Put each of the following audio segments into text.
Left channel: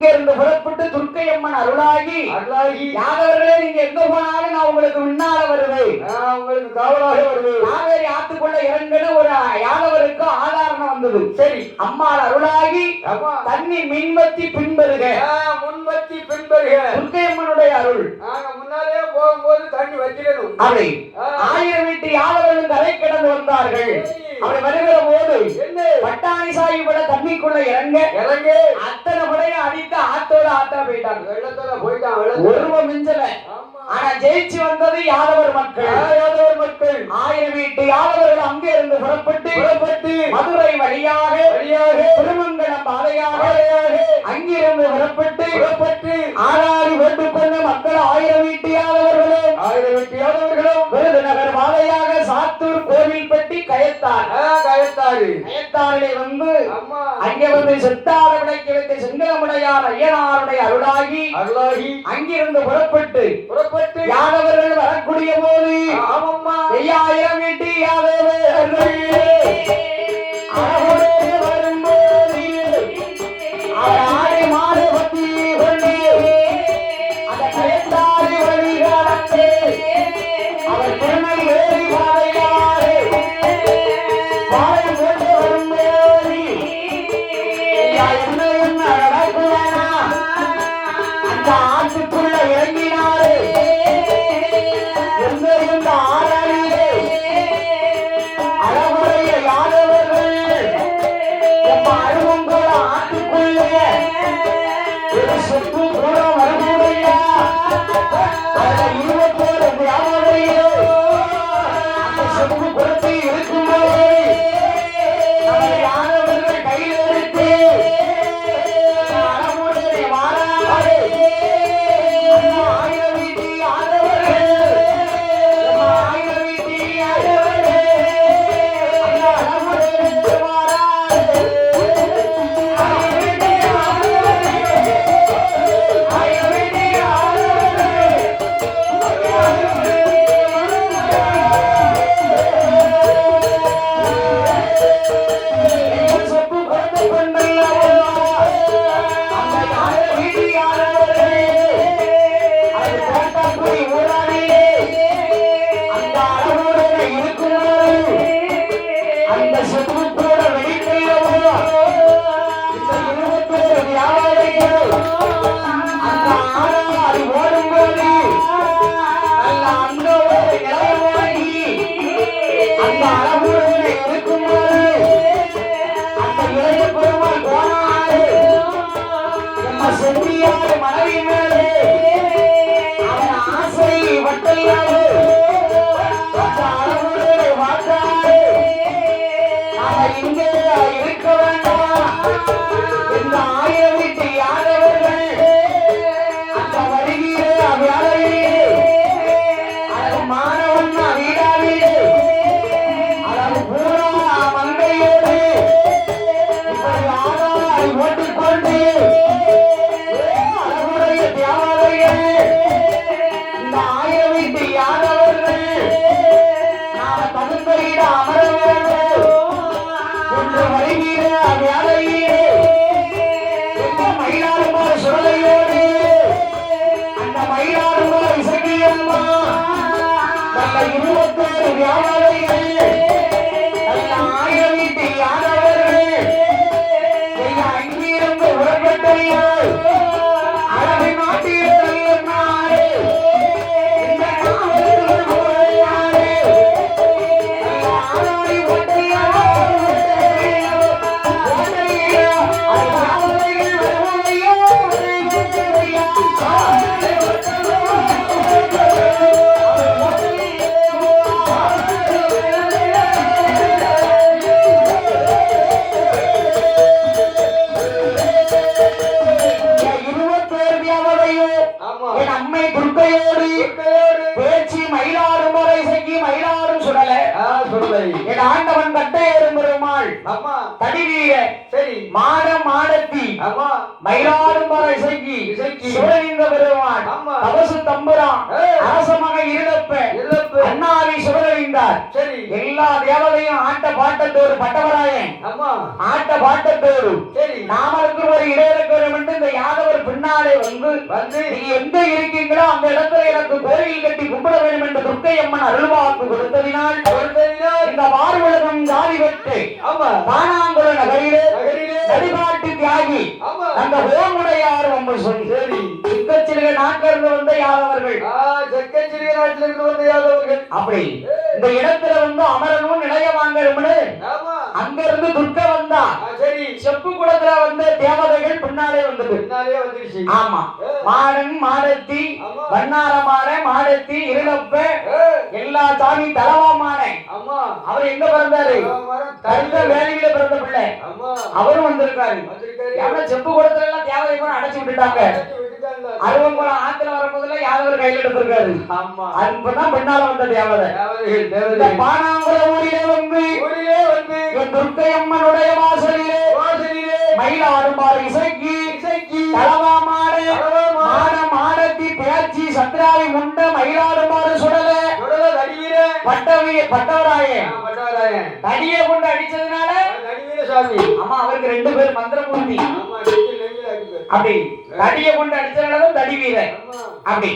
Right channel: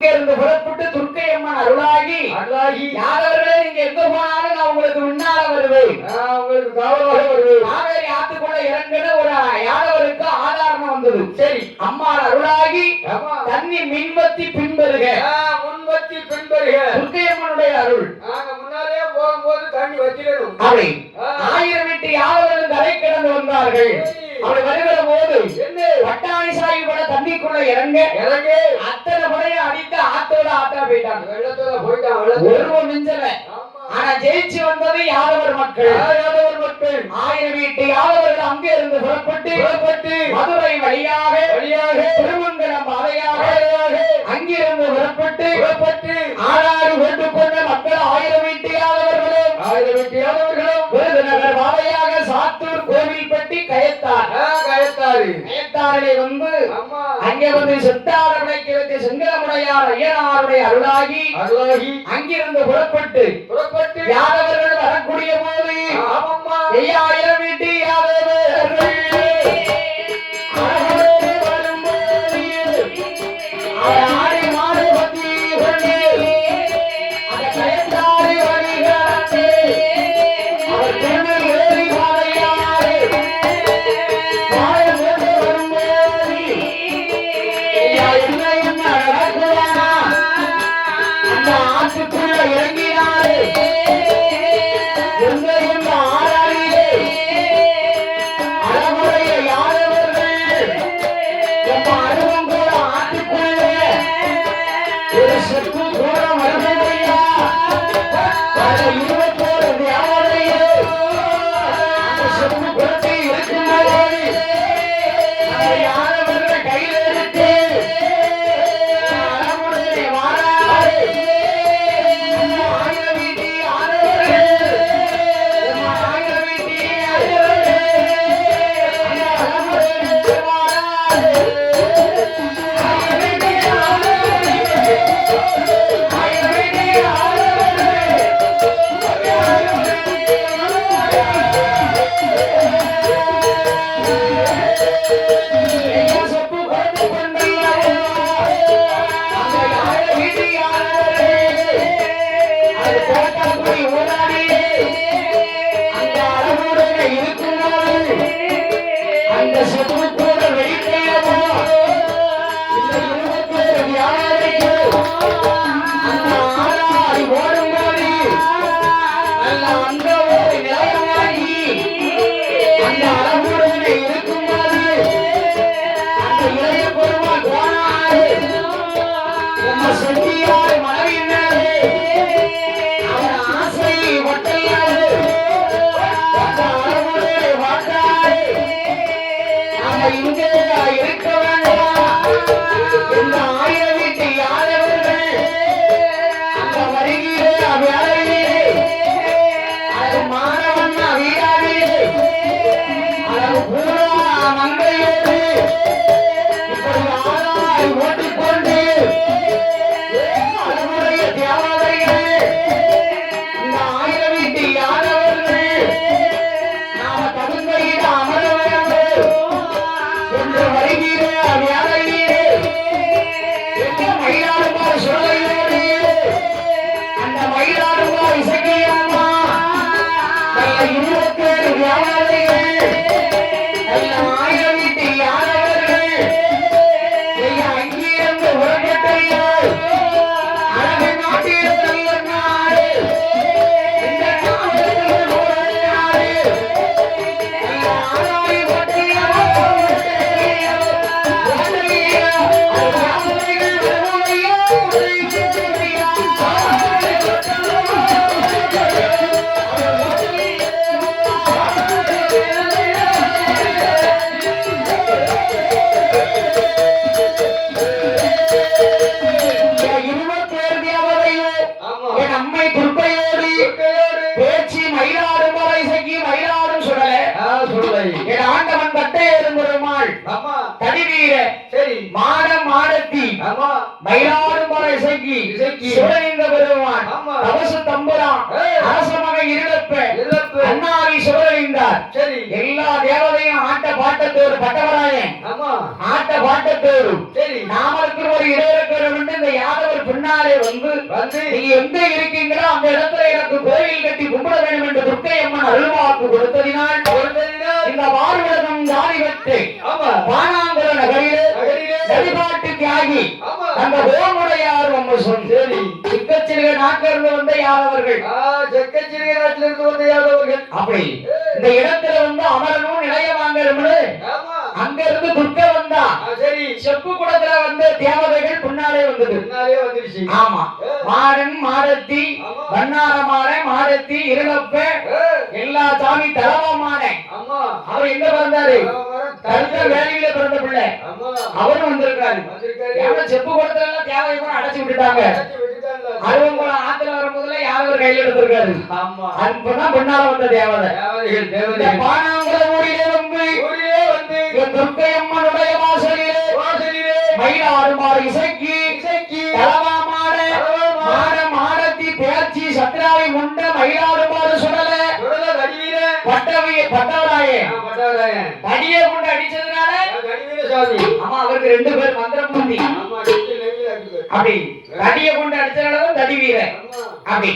இருந்து புறப்பட்டு துர்க்கை அம்மன் அருளாகி யாதவர்களே நீங்க எங்க போனாலும் நான் உங்களுக்கு முன்னால வருவேன், உங்களுக்கு காவலாக வருவேன். காவேரி ஆத்துக்குள்ள இறங்குன ஒரு யாதவருக்கு ஆதாரம் வந்தது. சரி, அம்மா அருளாகி தண்ணி மின்வத்தி பின்பருக, முன்வத்தி பின்பருக துர்க்கை அம்மனுடைய அருள். முன்னாலே போகும்போது தண்ணி வச்சிடணும். அவை 1000 வீட்டு யாதவர்கள் கரை கிடந்து வந்தார்கள். அவள் வருகிற போது பட்டாணி சாயி கூட தண்ணிக்குள்ள இறங்க அத்தனை படையை அடித்து ஆத்தோட ஆத்தா போயிட்டாங்க, வெள்ளத்தோட போயிட்டாங்க. ஒருவன் மிஞ்சல. ஆனா ஜெயிச்சு வந்தது யாதவர் மக்கள். 1000 வீட்டு யாதவர்கள் அங்கே இருந்து புறப்பட்டு மதுரை வழியாக திருமங்கலம் பாதையாக அங்கிருந்து புறப்பட்டு ஆளாடி கொண்டு கொண்ட மக்கள் 1000 வீட்டு யாதவர்களும் விருதுநகர் பாதையாக சாத்தூர் கோவில்பட்டி கயத்தாரிலே வந்து அங்கே வந்து சித்தார விளக்கி வைத்த செங்கமுடையார் ஐயனாருடைய அருளாகி அங்கிருந்து புறப்பட்டு யாதவர்கள் வரக்கூடிய போது 5000 வீட்டு யாதவர்கள் வரும்போது ஆடி மாடு பத்தி கொண்டு அந்த கயத்தாரி வருகிறார்கள். அவர் திருநெல்வேலி பாதையாறு ஆற்றுக்குள்ள இறங்கினாரு. ஆறாளிலே அழகுடைய யாதவர்கள் அருவங்கோட ஆற்றுக்குள்ள ஒரு செப்பு கூட வரமுடையா 21 தேவதையோ அந்த செப்பு குளத்தை இருக்கும்போது அந்த யாதவர்கள் கையில் எடுத்து அழகுடைய வாராறு இங்கே இருக்க வேண்டாம். இந்த 1000 வீட்டு யாதவர்கள் அந்த வருகிற வேலையிலே அது மாணவன் வீடாவிலே அது பூரா மங்கையோடு இப்படி ஆளாய் ஓட்டிக்கொண்டு அழகுடைய தேவாலயங்கள் இந்த 1000 வீட்டு யாதவர்கள் நாம தகுந்த அமர வேண்டும் என்று வருகிற வேலையிலே மயிலாடுமாறு சுடலையோடு அந்த மயிலாடுமாறு இசையம்மா நல்ல 27 வியாபாரிகள் நல்ல 1000 வீட்டு யாதவர்கள் அங்கிருந்து உறக்கட்டைகள் அழகை மாட்டிய நல்ல நாடு இந்த காவலர்கள் நாடு நல்ல ஆளாய் ஓட்டியார் ஆண்டவன் கட்டையேறும் பெருமாள் தடிவீர மாடம் மாடத்தி மயிலாடுமலை இசைக்கு சிவனிந்த பெருமான் தவசு தம்புரான் அரசமக இருளப்ப அண்ணாவி சிவனிந்தார். எல்லா தேவதையும் ஆட்ட பாட்டத்தோடு பட்டவராயன் ஆட்ட பாட்டத்தோடு நாம இருக்கிற ஒரு இடையில இந்த யாதவர் பின்னாலே வந்து நீங்க எங்க இருக்கீங்களோ அந்த இடத்துல எனக்கு கோயில் கட்டி கும்பிட வேண்டும் என்று துர்க்கை அம்மன் அருள்வாக்கு கொடுத்ததினால் இந்த வாழ்வழகம் ஜாதி வெட்டு பானாங்குள நகரிலே வழிபாட்டு தியாகி அந்த ஓமுடையார் வம்சம் செக்கச்சிறுக நாட்டிலிருந்து வந்த யாதவர்கள் அப்படி இந்த இடத்துல வந்து அமரனும் நிலைய வாங்கணும்னு அங்க இருந்து துர்க்க வந்தா செப்பு குளத்துல வந்து தேவதைகள் பின்னாலே வந்தது ஆமா மாடன் மாடத்தி வண்ணாரமான மாடத்தி இருளப்ப எல்லா சாமி தலவாமான அவர் எங்க பிறந்தாரு கருத்த வேலையில பிறந்த பிள்ளை அவரும் வந்திருக்காரு செப்பு குளத்துல எல்லாம் தேவதை அடைச்சு விட்டுட்டாங்க அருவங்குளம் ஆத்துல வரும்போதுல யாதவர் கையில் எடுத்திருக்காரு அதுதான் பின்னால வந்த தேவதை பானாங்குள ஊரிலே வந்து என் துர்க்கை அம்மனுடைய வாசலிலே மயிலாடுமாறு இசைக்கு தலவாமாட மாடத்தி பேச்சி சத்ராவை முண்ட மயிலாடுமாறு சுடல பட்டவராயே தடியை கொண்டு அடிச்சதுனால ஆமா அவருக்கு 2 பேர் மந்திரமூர்த்தி அப்படி தடியை கொண்டு அடிச்சதுனால தடி வீரன் அப்படி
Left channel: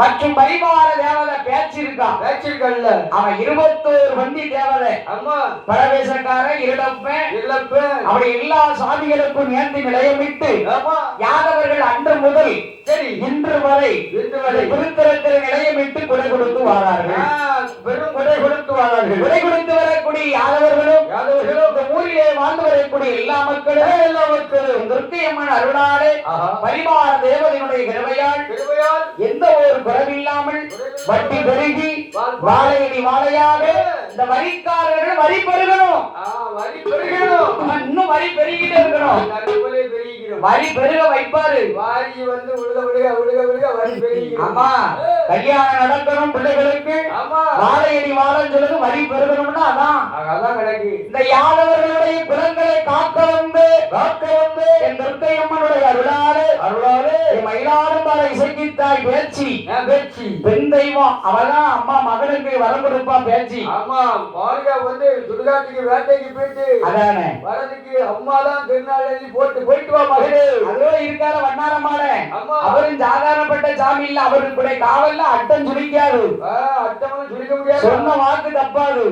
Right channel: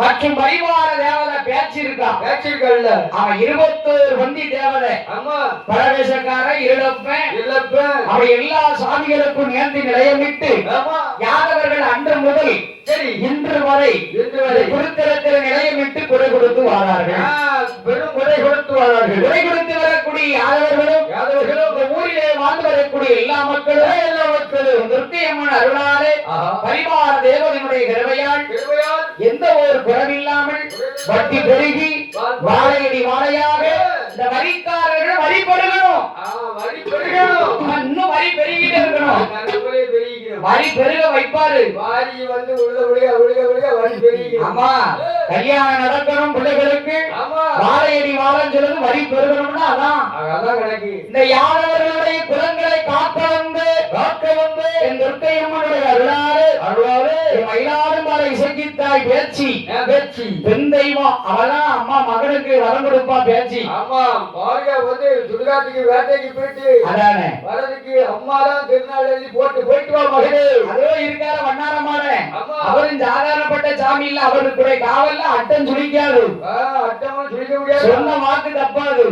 மற்றும் பரிவார தேவதை பேச்சிருக்கல்ல அவன் 21 வந்தி தேவதை பரவேசக்கார இருளப்ப அப்படி எல்லா சாமிகளுக்கும் நேர்ந்து நிலையமிட்டு யாதவர்கள் அன்று முதல் இன்று வரை திருத்தலத்தில் நிலையமிட்டு குறை கொடுத்து வாழார்கள் குறை கொடுத்து வரக்கூடிய யாதவர்களும் ஊரிலே வாழ்ந்து வரக்கூடிய எல்லா மக்களும் துர்க்கையம்மன் அருளாலே பரிவார தேவதையினுடைய கிருபையால் எந்த ஒரு குறைவில்லாமல் வட்டி பெருகி வாழையடி வாழையாக இந்த வரிக்காரர்கள் வரி பெருகணும் இன்னும் வரி பெருகிட்டே இருக்கணும் வரி பெருக வைப்பாரு ஆமா கல்யாணம் நடக்கணும் பிள்ளைகளுக்கு வாழையடி வாழன்னு சொல்லுது வரி பெருகணும்னா அதான் இந்த யாதவர்களுடைய குலங்களை காக்க வந்து என் துர்க்கை அம்மனுடைய அருளாறு மயிலாடுமாறு இசைக்கித்தாய் பேச்சி பெண் தெய்வம் அவதான் அம்மா மகனுக்கு வரம் கொடுப்பா பேச்சி வந்து சுடுகாட்டுக்கு வேட்டைக்கு போயிட்டு அதானே வரதுக்கு அம்மா தான் திருநாள் எழுதி போயிட்டு வா மகளே அதோ இருக்கார வண்ணாரமான அவரும் சாதாரணப்பட்ட சாமி இல்ல அவருக்கு கூட காவல்ல அட்டம் சுழிக்காது அட்டம் சுழிக்க முடியாது சொன்ன வாக்கு தப்பாது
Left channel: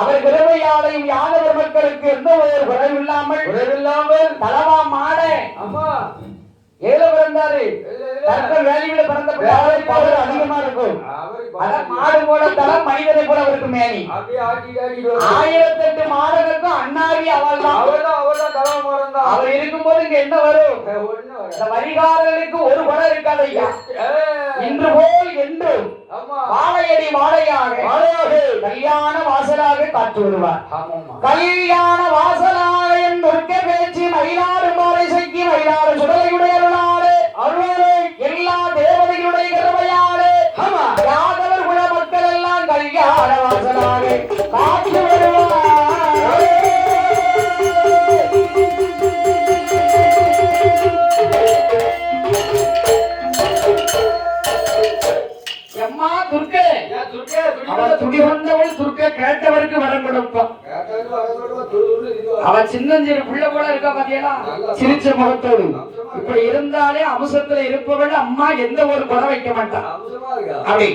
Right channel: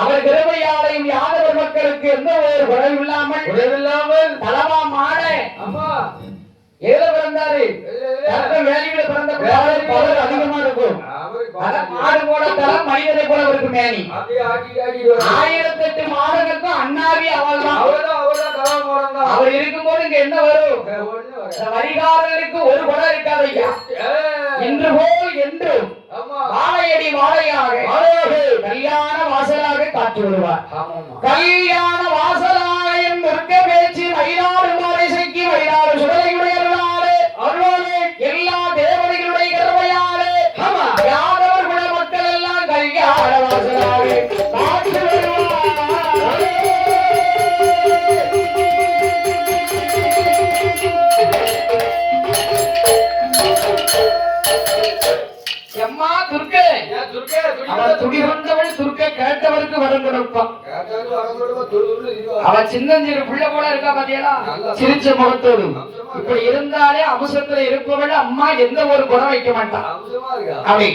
அவர் கிருபையாலையும் யாதவர் மக்களுக்கு எந்த ஒரு குறைவில்லாமல் தலவா மாட ஏதோ பிறந்தாரு வேலையில பிறந்த பவர் அதிகமா இருக்கும் மாடு போல தரம் மனிதனை போல அவருக்கு மேனி 1008 மாடுகளுக்கும் அண்ணாவி அவள் தான் அவர் இருக்கும்போது இங்க என்ன வரும் வரிகாரர்களுக்கு ஒரு குணம் இருக்காது ஐயா இன்று போல் என்று வாழையடி வாழையாக கல்யாண வாசலாக காத்து வருவார் கல்யாண வாசலாக என் துர்க்க பேச்சு மயிலாறு மாலை செய்கி மயிலாறு சுடலையுடைய அருளாலே எல்லா தேவதைகளுடைய கிருபையாலே யாதவர் குல மக்கள் எல்லாம் கல்யாண வாசலாக காத்து வருவார் கேட்டவருக்கு வரம் கொடுப்பான் அவன் சின்னஞ்சிறு பிள்ளை போல இருக்கா பாத்தீங்களா சிரிச்ச முகத்தோடு இப்படி இருந்தாலே அம்சத்துல இருப்பவள் அம்மா எந்த ஒரு குணம் வைக்க மாட்டான் அப்படி